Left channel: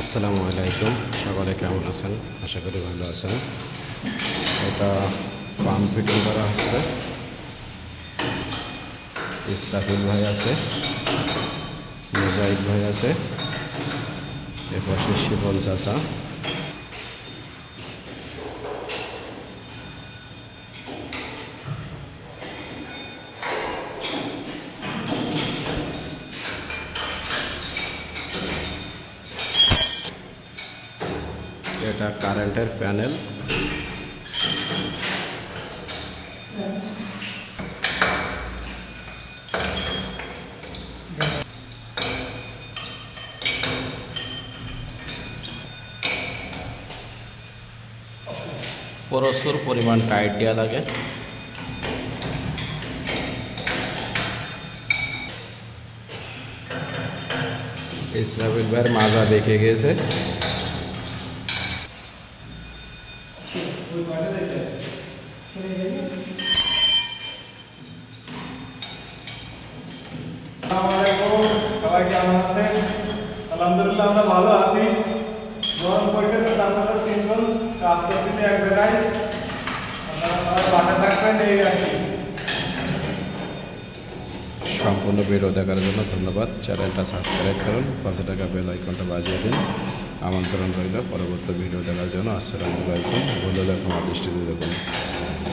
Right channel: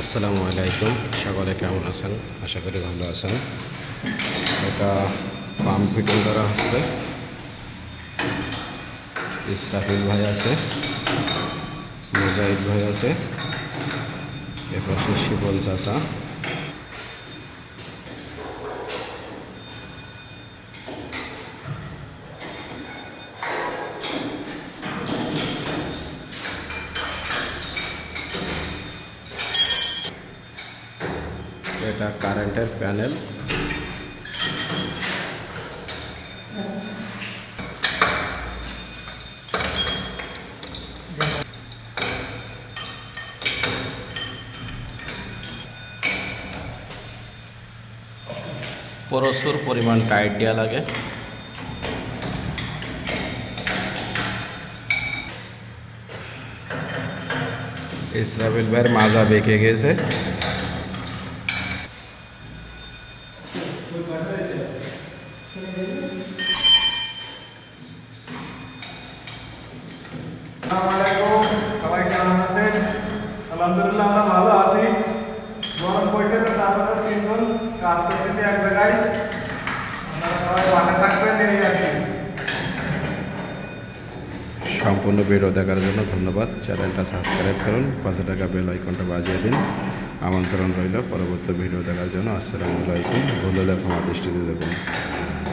আসসালামু আলাইকুম, সকলে কেমন আছেন? আশা করি ভালো আছেন। এটা পাম্প ফিটিং করা হচ্ছে। ইসরাফিল ভাই আছে, মুজাহিদ ভাই আছে, এপাশে শিবন চাচা। এটা কারেন্টের প্যানেল। প্রচুর পরিমাণ টাইট দেওয়া লাগে। ইসরাফিল ভাইয়ের মাজা বেঁকে গেছে। সবাই কেমন আছেন? আলহামদুলিল্লাহ আমরা ভালো আছি। গরম পড়ছে তো আমরা তিনজন কাজ করতেছি এক জায়গায়। আপনারা সবাই পাশে থাকবেন এই আর কি। সম্পূর্ণ ভিডিও দেখার জন্য ধন্যবাদ। চ্যানেলটা সাবস্ক্রাইব করুন, পাশে টাকা বেল আইকনটা বাজিয়ে দিন। আমন্ত্রণ রইল পরবর্তী ভিডিও দেখার জন্য। আসসালামু আলাইকুম। ভুল হলে ক্ষমা দৃষ্টিতে দেখুন।